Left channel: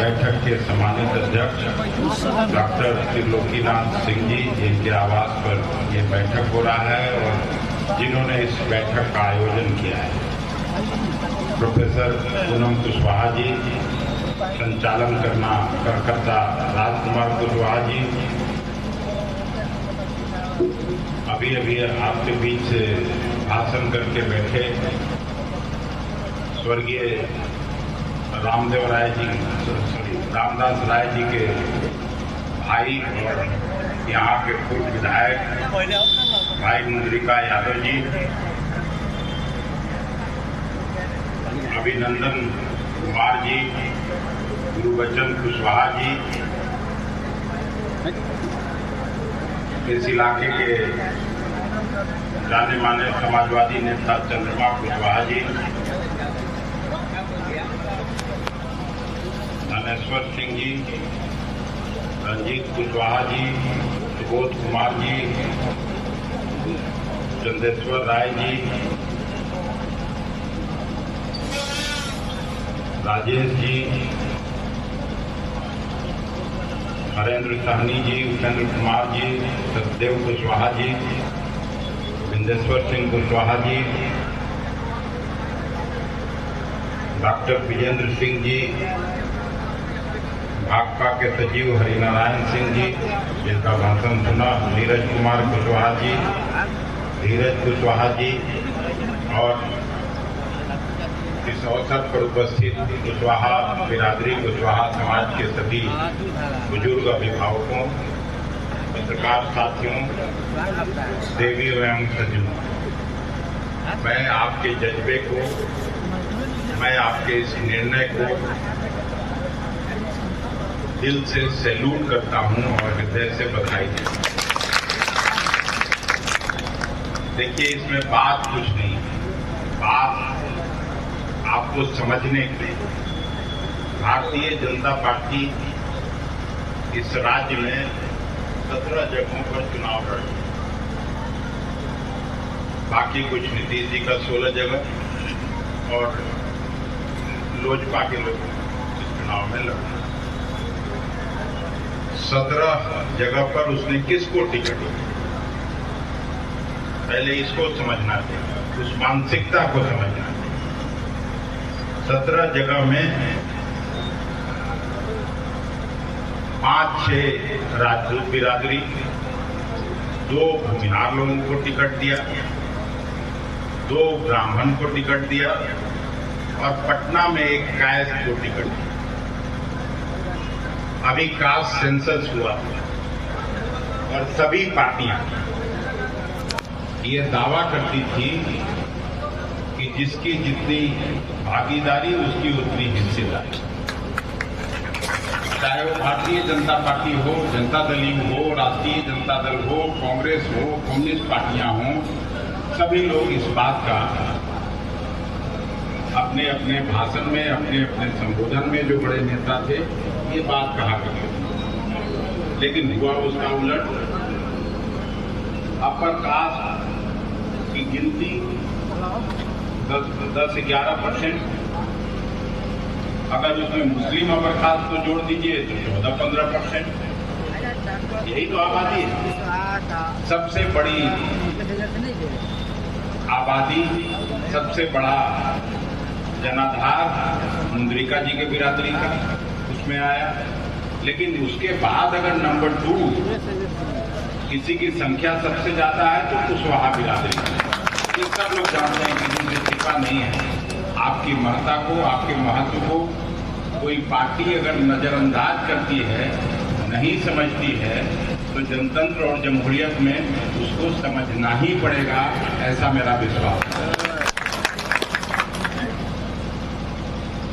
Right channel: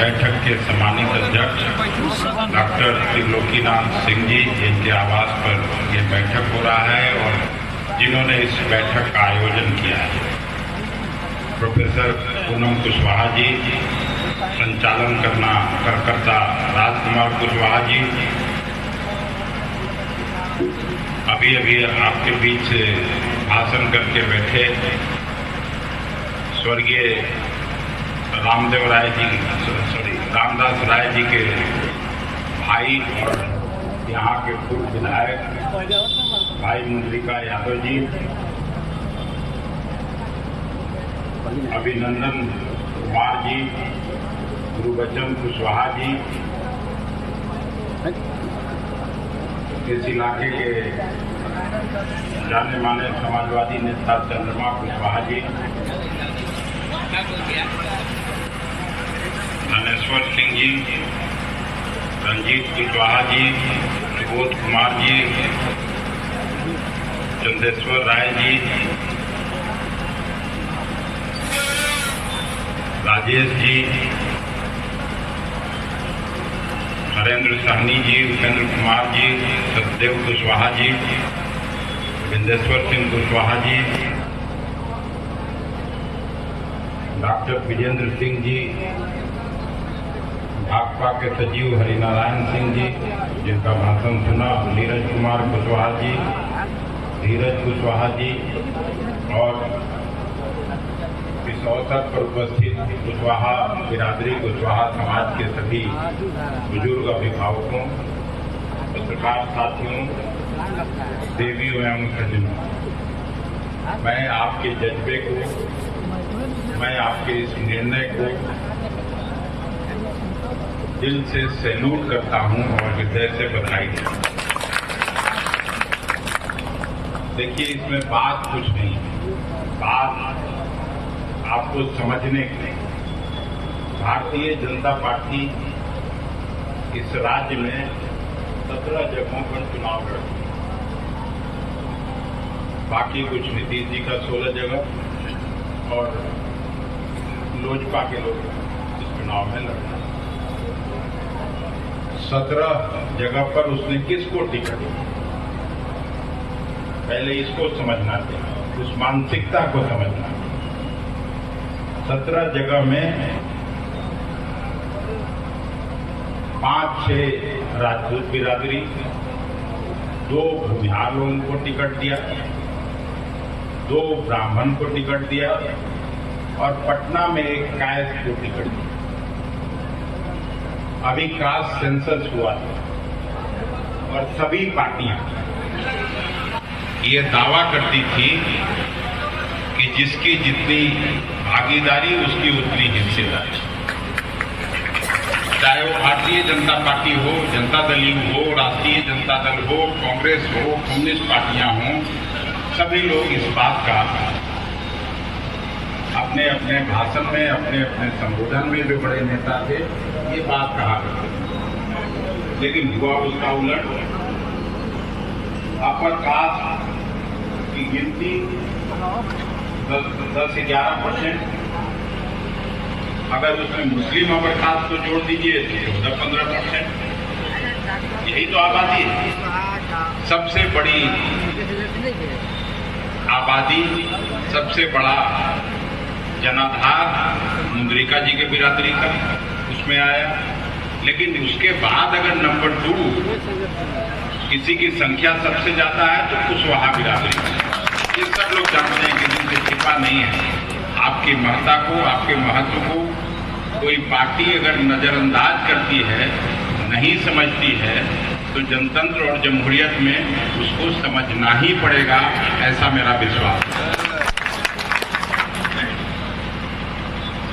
बैठक के सम्मानित अध्यक्ष डॉक्टर त्रिलोकीनाथ सिंह जी, जिनके आवास पर ये बैठक हो रहा है और जिन्होंने इस बैठक का आयोजन किया है, प्रोफेसर पूनम कुशवाहा जी, संचालन करता राजकुमार कुशवाहा जी, अभी अभी आपके बीच से भाषण करके बैठे स्वर्गीय रामदास राय जी के भाई और यहाँ के पूर्व विधायक भाई मुद्रिका यादव जी, अभिनंदन कुमार जी, गुरुबचन कुशवाहा जी, इस इलाके के जाने माने समाजवादी नेता चंद्रमा कुशवाहा जी, धनेश्वर सिंह जी, रंजीत कुशवाहा जी, सुबोध कुमार जी, चंदेश्वर राय जी, राजेश जी, हरेंद्र साहनी जी, उपेंद्र कुमार जी, सतदेव कुशवाहा जी, विंदेश्वर सिंह कुशवाहा जी, डॉक्टर विजेंद्र सिंह जी, भाकपा के सचिव हरिनारायण सिंह जी, जिनका भाषण सुना, नीरज कुमार कुशवाहा जी, धीरज कुशवाहा जी और इस अवसर पर उपस्थित कुशवाहा बिरादरी, कुशवाहा समाज के सभी बुजुर्ग अभिभावकों, पत्रकार साथियों, देवी एवं सज्जनों, मैं आपके जज्बे को, मैं आपके इस निर्णय को दिल से सैल्यूट करता हूं और हृदय से बधाई देता हूं। देखिए, इसमें बात कुछ नहीं, बात आपको समझने की। भारतीय जनता पार्टी इस राज्य में 17 जगहों पर चुनाव लड़ी, बाकी कुछ नीतीश जी का 16 जगह और लोजपा के लोग इस चुनाव में लड़े। 17 जगह पर उसने किसको टिकट दी, पहले इसको समझना चाहिए, उस मानसिकता को समझना चाहिए। 17 जगह में 5-6 राजपूत बिरादरी, 2 भूमिहार लोगों को टिकट दिया, 2 ब्राह्मण को टिकट दिया और पटना में एक कास्ट को टिकट दिया। अभी कास्ट सेंसस हुआ और सभी पार्टियां ये दावा करती थी कि जिसकी जितनी भागीदारी उसकी उतनी हिस्सेदारी, चाहे वो भारतीय जनता पार्टी हो, जनता दल हो, राष्ट्रीय जनता दल हो, कांग्रेस हो, कम्युनिस्ट पार्टियां हों, सभी लोग इस बात का अपने अपने भाषण में, अपने अपने संबोधन में, जो बड़े नेता थे, ये बात कहा करते थे। लेकिन हुआ उसका उलट। अपर कास्ट की गिनती 10-11%, अगर उसमें मुस्लिम अपर कास्ट को जोड़ दीजिए तो 14-15%। यही तो आबादी है। सबसे बड़ी आबादी, सबसे बड़ा जनाधार मुद्रिका जी के बिरादरी का उसमें आया। लेकिन उसके बाद अगर नंबर 2 किसी की संख्या सबसे ज्यादा है तो कुशवाहा बिरादरी का। ये सब लोग जानते हैं कि जिनसे छिपा नहीं है। आपकी महत्ता को, आपके महत्व को कोई पार्टी अगर नजरअंदाज करती है, नहीं समझती है, तो जनतंत्र और जमहूरियत में उसको समझना ही पड़ेगा, ऐसा मेरा विश्वास है।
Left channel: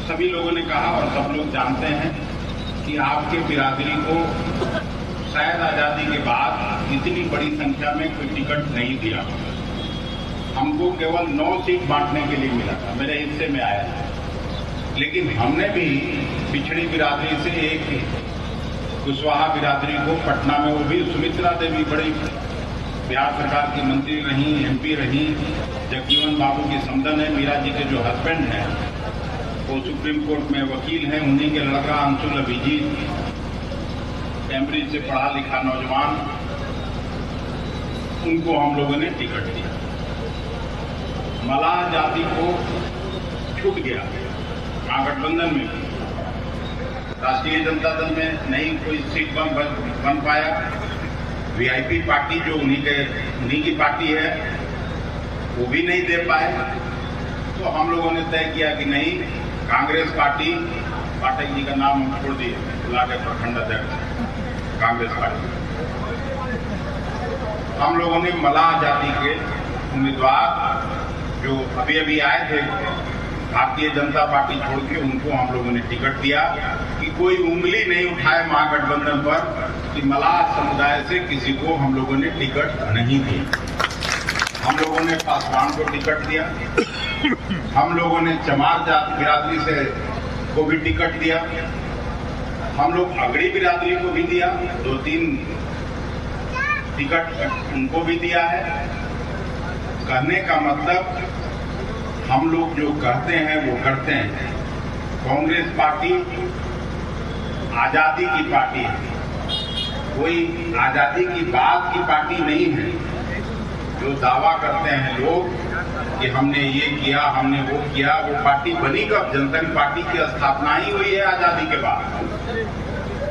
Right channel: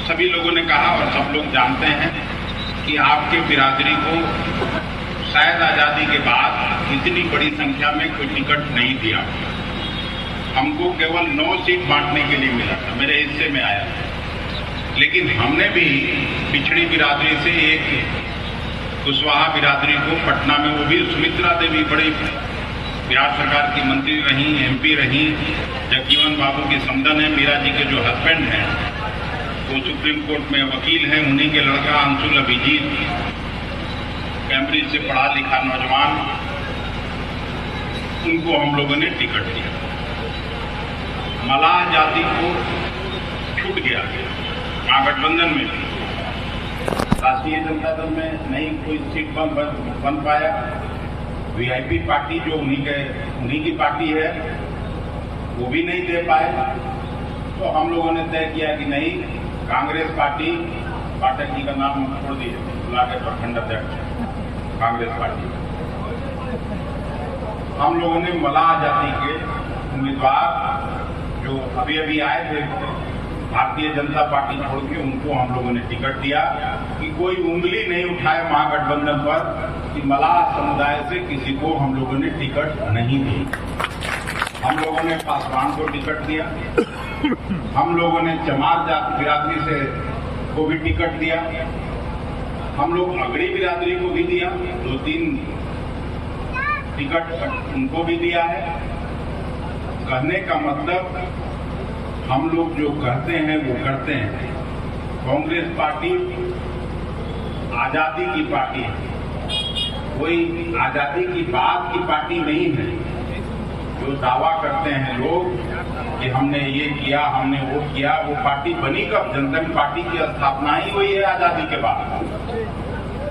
सभी लोगों ने कहा और सब लोग जानते हैं कि आपके बिरादरी को शायद आजादी के बाद इतनी बड़ी संख्या में कोई टिकट नहीं दिया। हमको केवल 9 सीट बांटने के लिए मिला था, मेरे हिस्से में आया। लेकिन हमने भी पिछड़ी बिरादरी से एक कुशवाहा बिरादरी को पटना में, वो भी सुमित्रा देवी बड़ी बिहार सरकार की मंत्री रही, MP रही, जगजीवन बाबू की समधन है, मीरा जी के जो हस्बैंड हैं, वो सुप्रीम कोर्ट में वकील हैं, उन्हीं के लड़का अंशुल अभिजीत, कैम्ब्रिज से पढ़ा लिखा नौजवान, उनको हम लोगों ने टिकट दिया। मलाह जाति को छूट गया महागठबंधन में भी, राष्ट्रीय जनता दल में नहीं कोई सीट बन पाया। वीआईपी पार्टी जो उन्हीं की पार्टी है वो भी नहीं दे पाए। तो हम लोगों ने तय किया कि नहीं, कांग्रेस पार्टी, पाठक जी का नाम हम छोड़ दिए, बुलाकर प्रखंड अध्यक्ष कांग्रेस पार्टी, हम लोगों ने मलाह जाति के उम्मीदवार जो अभी अभी आए थे भारतीय जनता पार्टी छोड़ के, उनको हम लोगों ने टिकट दिया कि कोई उंगली नहीं उठाए महागठबंधन पर कि मलाह समुदाय से किसी को हम लोगों ने टिकट नहीं दी। हम लोगों ने पासवान को टिकट दिया, हम लोगों ने चमार जात बिरादरी से को भी टिकट दिया, हम लोग अगड़ी बिरादरी को भी दिया, 2-3 टिकट उनको भी दिया है। कहने का मतलब हम लोग जो कहते हैं वो करते हैं। कांग्रेस पार्टी आजादी की पार्टी है, कोई आजादी की बात की पार्टी नहीं है। जो दावा करते हैं लोग कि हमने ये किया, हमने वो किया, वो पार्टी बनी कब? जनता पार्टी की स्थापना ही हुई है आजादी के बाद।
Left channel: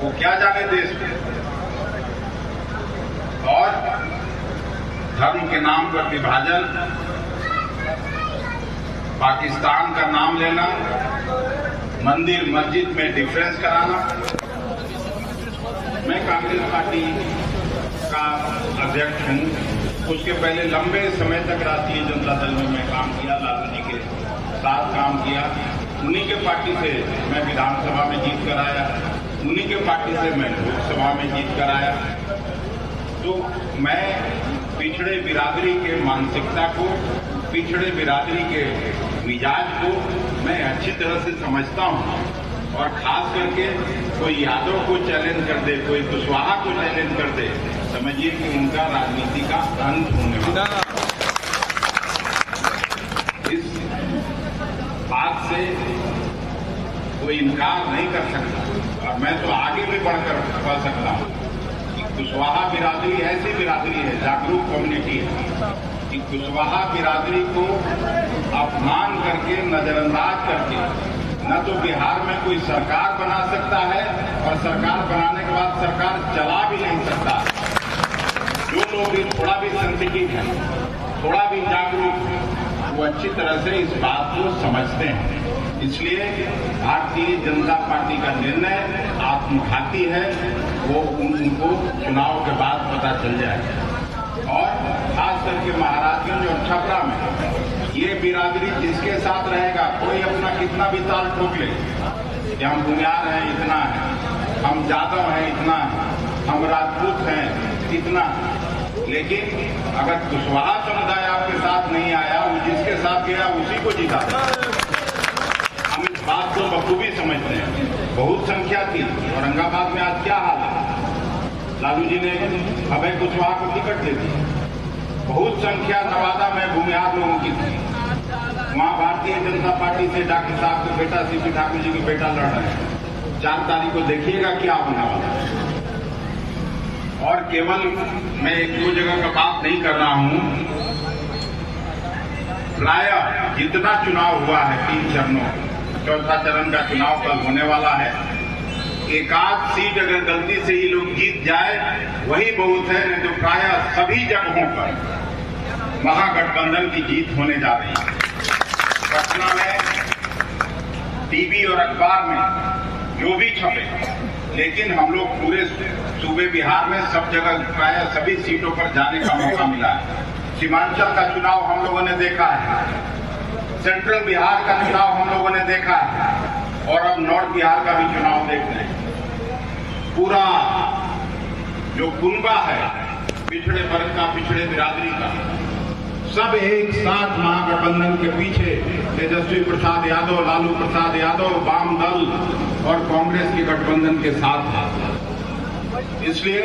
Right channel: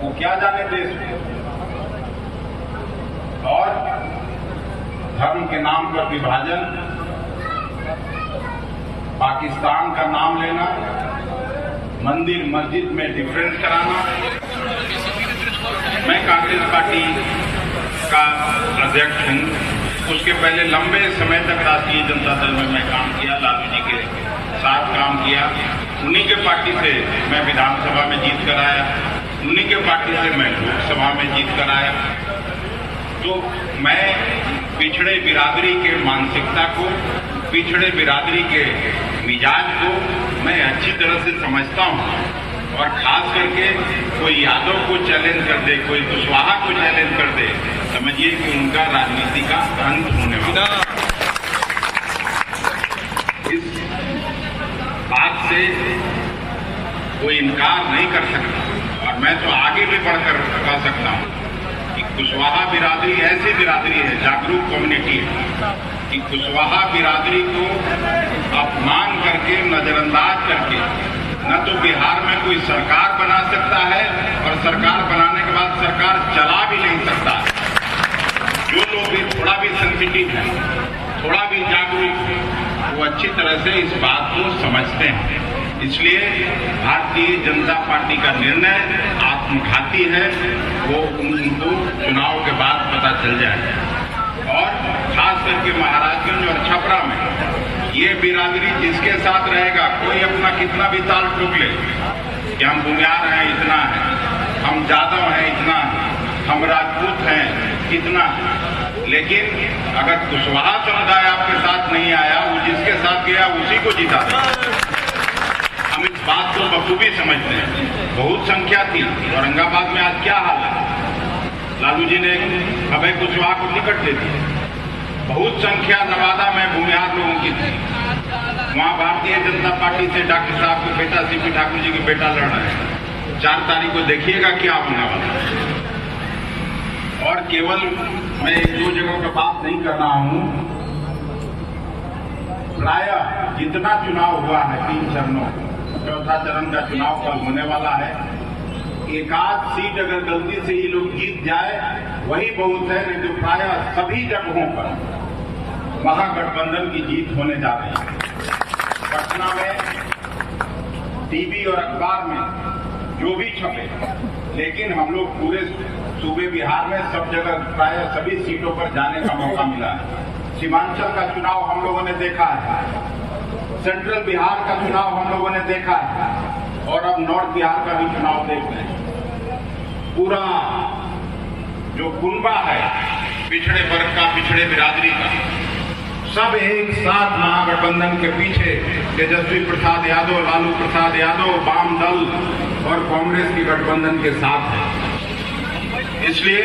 वो क्या जाने देश में। और धर्म के नाम पर विभाजन, पाकिस्तान का नाम लेना, मंदिर मस्जिद में डिफरेंस कराना। मैं कांग्रेस पार्टी का अध्यक्ष हूं। उसके पहले लंबे समय तक राष्ट्रीय जनता दल में मैं काम किया, लालू जी के साथ काम किया। उन्हीं के पार्टी से मैं विधानसभा में जीत कर आया, उन्हीं के पार्टी से मैं लोकसभा में जीत कर आया। तो मैं पिछड़े बिरादरी के मानसिकता को, पिछड़े बिरादरी के मिजाज को मैं अच्छी तरह से समझता हूं। और खास करके कोई यादव को चैलेंज कर दे, कोई कुशवाहा को चैलेंज कर दे, समझिए कि उनका राजनीति का अंत होने वाला। इस बात से कोई इनकार नहीं कर सकता। और मैं तो आगे भी बढ़कर कह सकता हूं कि कुशवाहा बिरादरी ऐसी बिरादरी है, जागरूक कम्युनिटी है, कि कुशवाहा बिरादरी को अपमान करके, नजरअंदाज करके न तो बिहार में कोई सरकार बना सकता है, और सरकार बनाने के बाद सरकार चला भी नहीं सकता। जो लोग भी थोड़ा भी सेंसिटिव हैं, थोड़ा भी जागरूक हैं, वो अच्छी तरह से इस बात को समझते हैं। इसलिए भारतीय जनता पार्टी का निर्णय आत्मघाती है, वो उनको चुनाव के बाद पता चल जाए। और खास करके महाराजगंज और छपरा में ये बिरादरी जिसके साथ रहेगा, कोई अपना कितना भी ताल ठोक ले कि हम बुनियाद हैं इतना है, हम जादव हैं इतना है, हम राजपूत हैं इतना है, लेकिन अगर कुशवाहा समुदाय आपके साथ नहीं आया, वो जिसके साथ गया उसी को जिता दे। हम इस बात को बखूबी समझते हैं। बहुत संख्या थी औरंगाबाद में, आज क्या हाल है? लालू जी ने अभय कुशवाहा को टिकट दे दी। बहुत संख्या नवादा में भूमिहार लोगों की थी, वहां भारतीय जनता पार्टी से डॉक्टर साहब के बेटा सीपी ठाकुर जी के बेटा लड़ रहे हैं। 4 तारीख को देखिएगा क्या होने वाला है। और केवल मैं 1-2 जगह का बात नहीं कर रहा हूं, प्रायः जितना चुनाव हुआ है 3 चरणों, चौथा चरण का चुनाव कल होने वाला है। एक आध सीट अगर गलती से ये लोग जीत जाए वही बहुत है, नहीं तो प्रायः सभी जगहों पर महागठबंधन की जीत होने जा रही है। पटना में टीवी और अखबार में जो भी छपे, लेकिन हम लोग पूरे सूबे बिहार में सब जगह प्रायः सभी सीटों पर जाने का मौका मिला है। सीमांचल का चुनाव हम लोगों ने देखा है, सेंट्रल बिहार का चुनाव हम लोगों ने देखा है, और अब नॉर्थ बिहार का भी चुनाव देख रहे हैं। पूरा जो कुनबा है पिछड़े वर्ग का, पिछड़े बिरादरी का, सब एक साथ महागठबंधन के पीछे तेजस्वी प्रसाद यादव, लालू प्रसाद यादव, वाम दल और कांग्रेस की गठबंधन के साथ है। इसलिए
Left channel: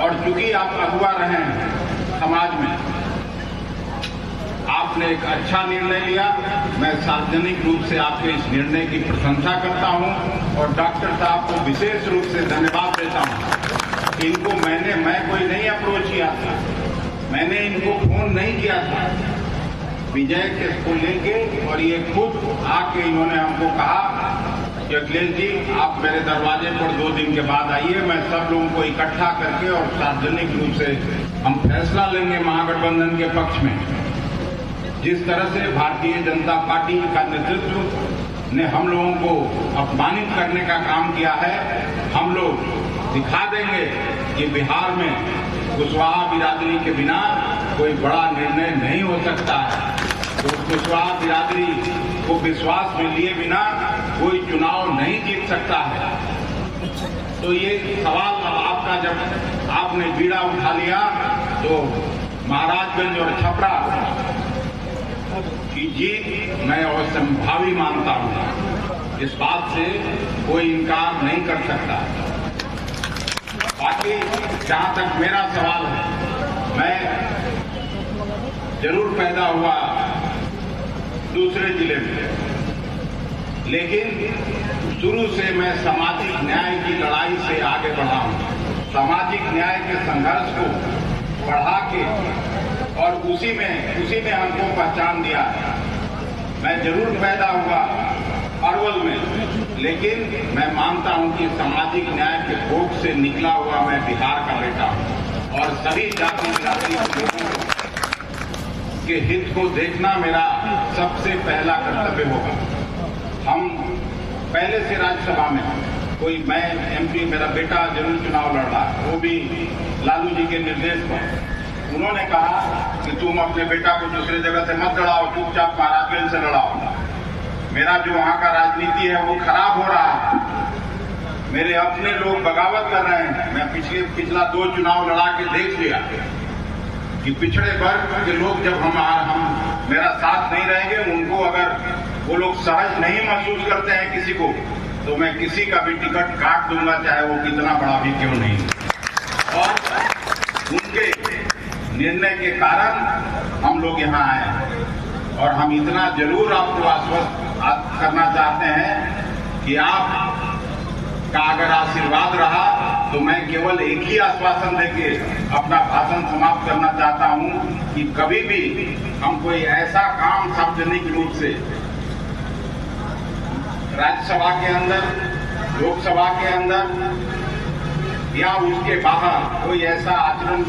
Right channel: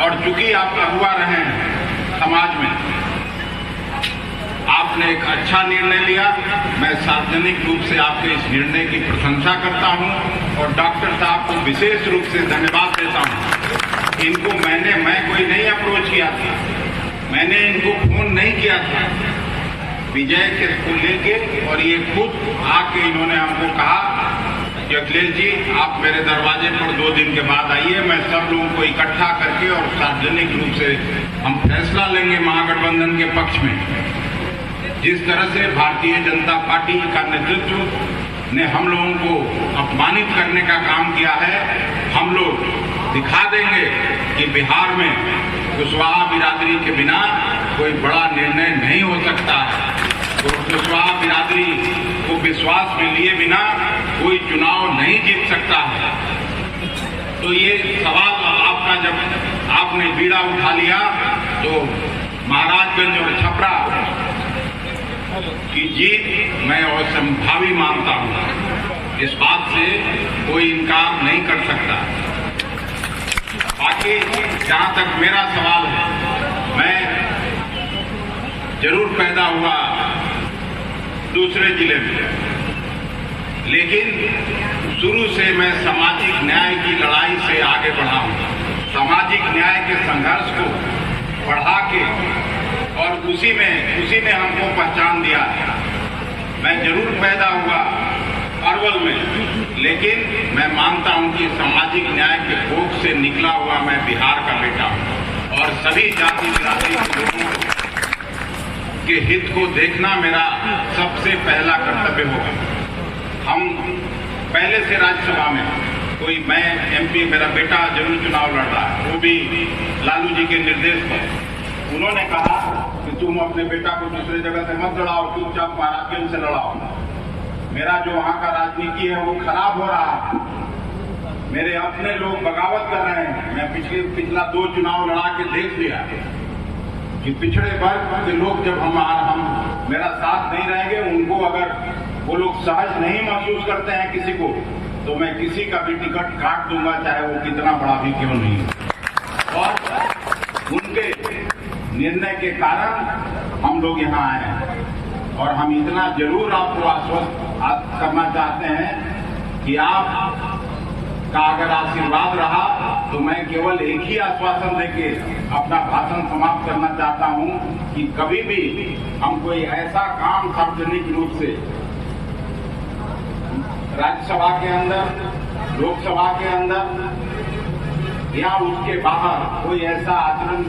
और चूंकि आप अगुवा रहे हैं समाज में, आप आपने एक अच्छा निर्णय लिया। मैं सार्वजनिक रूप से आपके इस निर्णय की प्रशंसा करता हूं और डॉक्टर साहब को विशेष रूप से धन्यवाद देता हूं। इनको मैं कोई नहीं अप्रोच किया था, मैंने इनको फोन नहीं किया था। विजय के को लेके और ये खुद आके इन्होंने हमको कहा कि अखिलेश जी आप मेरे दरवाजे पर 2 दिन के बाद आइए, मैं सब लोगों को इकट्ठा करके और सार्वजनिक रूप से हम फैसला लेंगे महागठबंधन के पक्ष में। जिस तरह से भारतीय जनता पार्टी का नेतृत्व ने हम लोगों को अपमानित करने का काम किया है, हम लोग दिखा देंगे कि बिहार में कुशवाहा बिरादरी के बिना कोई बड़ा निर्णय नहीं हो सकता है। तो कुशवाहा बिरादरी को विश्वास में लिए बिना कोई चुनाव नहीं जीत सकता है। तो ये सवाल आपका जब आपने बीड़ा उठा लिया तो महाराजगंज और छपरा की जीत मैं असंभावी मानता हूं। इस बात से कोई इनकार नहीं कर सकता। बाकी जहां तक मेरा सवाल है, मैं जरूर पैदा हुआ दूसरे जिले में, लेकिन शुरू से मैं सामाजिक न्याय की लड़ाई से आगे बढ़ा हूं। सामाजिक न्याय के संघर्ष को बढ़ा के और उसी ने हमको पहचान दिया। मैं जरूर पैदा हुआ अरवल में, लेकिन मैं मानता हूं कि सामाजिक न्याय के भोग से निकला हुआ मैं बिहार का बेटा हूं और सभी जाति बिरादरी के लोगों के हित को देखना मेरा सबसे पहला कर्तव्य होगा। हम पहले से राज्यसभा में मैं एमपी, मेरा बेटा जरूर चुनाव लड़ रहा है, वो भी लालू जी के निर्देश पर। उन्होंने कहा कि तुम अपने बेटा को दूसरे जगह से मत लड़ाओ, चुपचाप महाराजगंज से लड़ाओ। मेरा जो वहां का राजनीति है वो खराब हो रहा है, मेरे अपने लोग बगावत कर रहे हैं। मैं पिछला 2 चुनाव लड़ा के देख लिया कि पिछड़े वर्ग के लोग जब हम मेरा साथ नहीं रहेंगे, उनको अगर वो लोग सहज नहीं महसूस करते हैं किसी को, तो मैं किसी का भी टिकट काट दूंगा, चाहे वो कितना बड़ा भी क्यों नहीं। और उनके निर्णय के कारण हम लोग यहाँ आए और हम इतना जरूर आपको आश्वस्त करना चाहते हैं कि आपका अगर आशीर्वाद रहा तो मैं केवल एक ही आश्वासन देके अपना भाषण समाप्त करना चाहता हूं कि कभी भी हम कोई ऐसा काम सार्वजनिक रूप से राज्यसभा के अंदर, लोकसभा के अंदर या उसके बाहर कोई ऐसा आचरण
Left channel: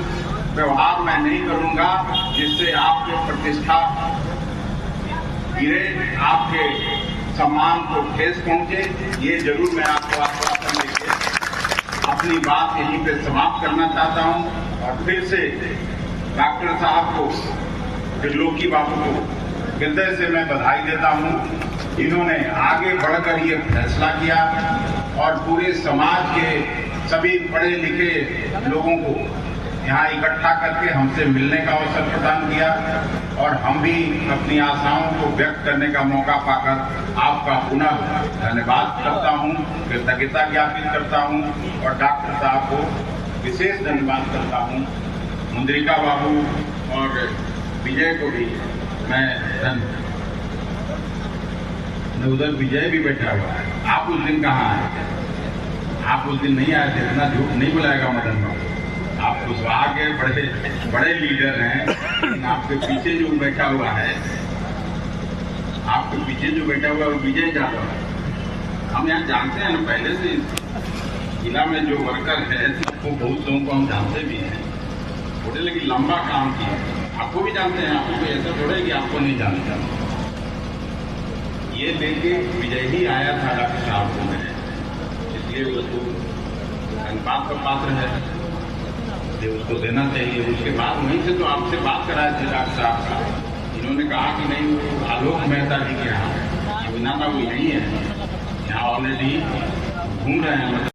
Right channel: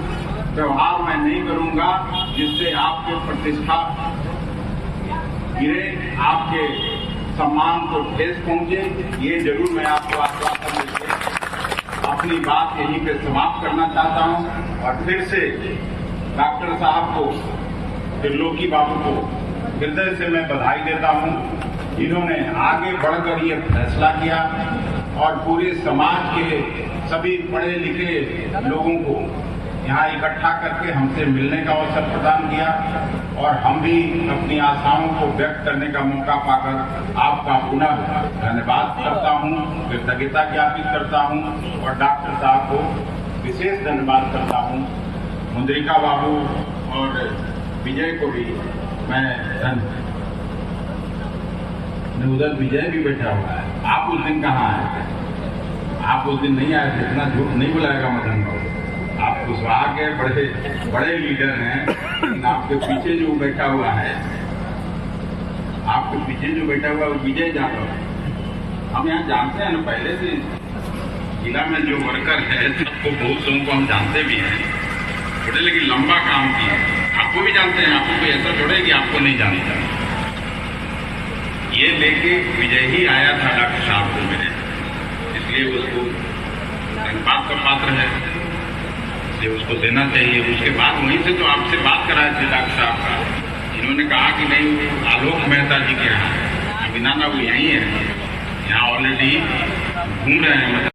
व्यवहार मैं नहीं करूंगा जिससे आपके प्रतिष्ठा गिरे, आपके सम्मान को ठेस पहुंचे। ये जरूर मैं आपको आश्वासन देकर अपनी बात यहीं पे समाप्त करना चाहता हूं और फिर से डॉक्टर साहब को, त्रिलोकी बाबू को हृदय से मैं बधाई देता हूं। इन्होंने आगे बढ़कर ये फैसला किया और पूरे समाज के सभी पढ़े लिखे लोगों को यहाँ इकट्ठा करके हमसे मिलने का अवसर प्रदान किया और हम भी अपनी आशाओं को व्यक्त करने का मौका पाकर आपका पुनः धन्यवाद करता हूँ, कृतज्ञता ज्ञापित करता हूँ और डॉक्टर साहब को विशेष धन्यवाद करता हूँ। मुंद्रिका बाबू और विजय को भी मैं उधर विजय भी बैठा हुआ है। आप उस दिन कहाँ आए? आप उस दिन नहीं आए थे, इतना झूठ नहीं बुलाएगा मदन बाबू। आप कुशवाहा के बड़े लीडर हैं, लेकिन आपके पीछे जो बैठा हुआ है, आपके पीछे जो बैठा हुआ है वो विजय यादव है। हम यहाँ जानते हैं, पहले से जिला में जो वर्कर है सबको, बहुत लोगों को हम जानते भी हैं, थोड़े लेकिन लंबा काम किया। आपको भी जानते हैं, आपको कोई ऐसा थोड़ा है कि आपको नहीं जानता। ये लेके विजय ही आया था डॉक्टर साहब को मेरे, इसलिए उसको धन्यवाद का पात्र है, ये उसको देना चाहिए। उसके बाद वहीं से तो आपसे बात कराए थे डॉक्टर साहब का, इन्होंने कहा कि नहीं आलोक मेहता जी के यहाँ, अभी ना वो यहीं है, यहाँ ऑलरेडी घूम रहे हैं।